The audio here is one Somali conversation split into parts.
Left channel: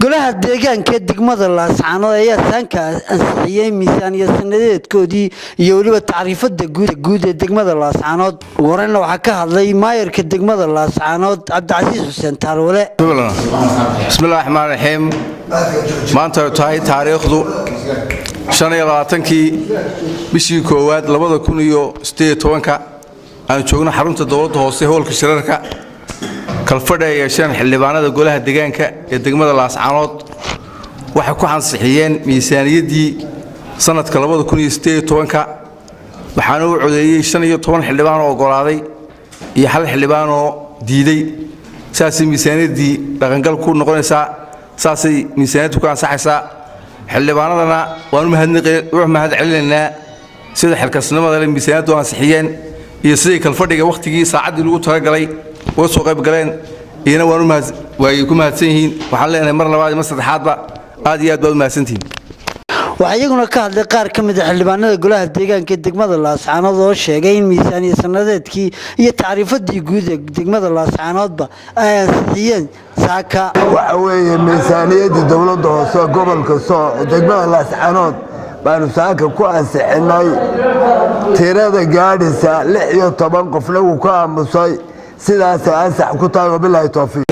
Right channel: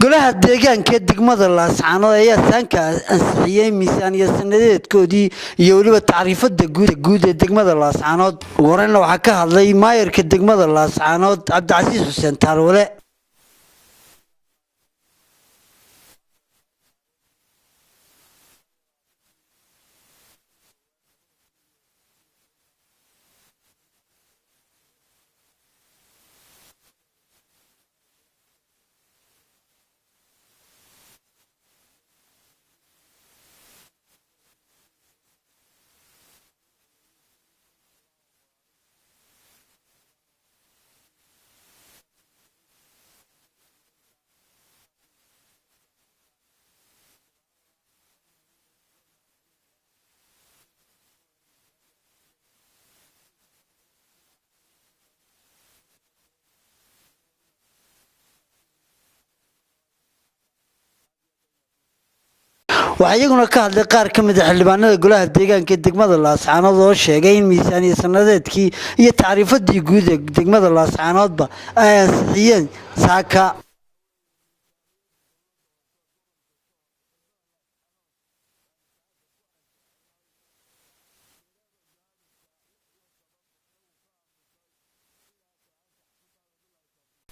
golaha deegaanka degmada Laascaanood ayaa saanka ansixiyay miisaaniyad sanadeedkoodii iyo waliba taariifada guud ee degmada Laascaanood warayna waxa ka hadlay maayarka degmada Laascaanood Cabdicasiis Xuseen Taarwale. Bismillaahi Rahmaani Rahiim. Maanta tahay taariikhdu 25kii bishii koowaad 2018 aan joogno xarunta dawladda hoose howlka shirarka kalfadha yeesheen xildhibaanada golaha deegaanka ee degmada Laascaanood waxa ku ansixiyeen miisaaniyadii sanadka 2018 waxaana uu codeeyay 15 xildhibaan oo ogolaaday iyo hal xildhibaan oo diiday saasi miisaaniyadii dhaqangal ku noqonaysa saasi miisaaniyadu ku ansaxaysa xildhibaanadana waanu mahad celinaa sida xilkasnimada leh miisaaniyadu ansixiyeen iyo sidii kalfadhiga waqtigii saacadii lagu talagalay oo soo qayb galeen iyana way ku mahadsan yihiin waxaan leenahay mar labaad iyo mar saddexaadba aad iyo aad baad u mahadsantihiin. waxaa iyaguna ka hadlay qaar ka mid ah xildhibaanada golaha deegaanka ee degmada Laascaanood oo sheegay in miisaaniyad sanadeedkii iyo taariifadii guud ee degmada Laascaanoodba ay ansixiyeen saaka. waxa weeye miisaaniyadii dawladda hoose gobolka degmada Laascaanood baanu saaka ku ansixinay tirada gaadhaysa 16 qofna uu ka aamusay sidaas ansax ku tahay billahi tawfiiq.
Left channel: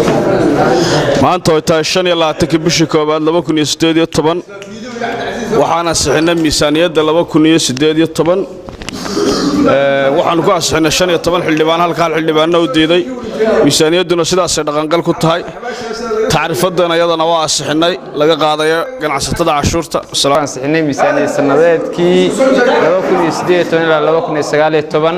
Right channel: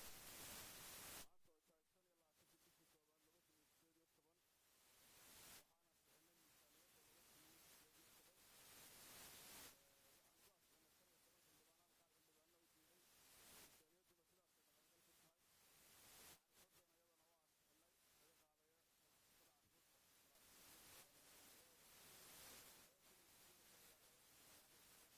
maanta oo tahay 25 bishii koowaad 2018 waxaan ansixinay miisaaniyadda 2018 waxaan ku ansixinay 15 xildhibaan halka hal xildhibaanna u diiday miisaaniyadduna sidaas ay dhaqangal ku tahay taariifadana iyadana waa ansixinay laga qaadayo ganacsatada cashuurta. ansixinay miisaaniyad sanadeedkii 2018 ilaa 2019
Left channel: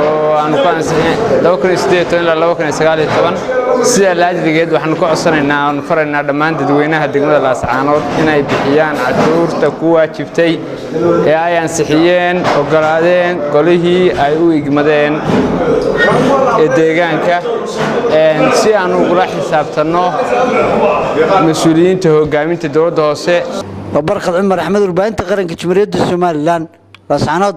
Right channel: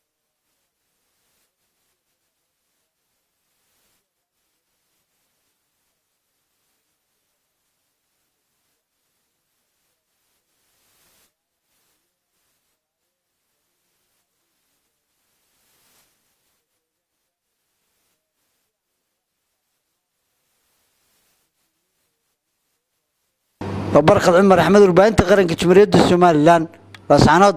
oo aan ku ansixinay 2018 ilaa 2019 sida laajligeed waxaan ku codsanaynaa aan faraynaa dhammaan dadweynaha degmada Laascaanood inay bixiyaan cashuurta ku waajibtay ee ay ansixiyeen ogolaadeen golihii ay u igmadeen ee deegaanka si aan ugu xisaabtano mas'uuliyiinta hogaaminta dawladda hoose. Barqad Cumar Axmed warbaahinta qaranka Jamhuuriyadda Soomaaliland Laascaanood.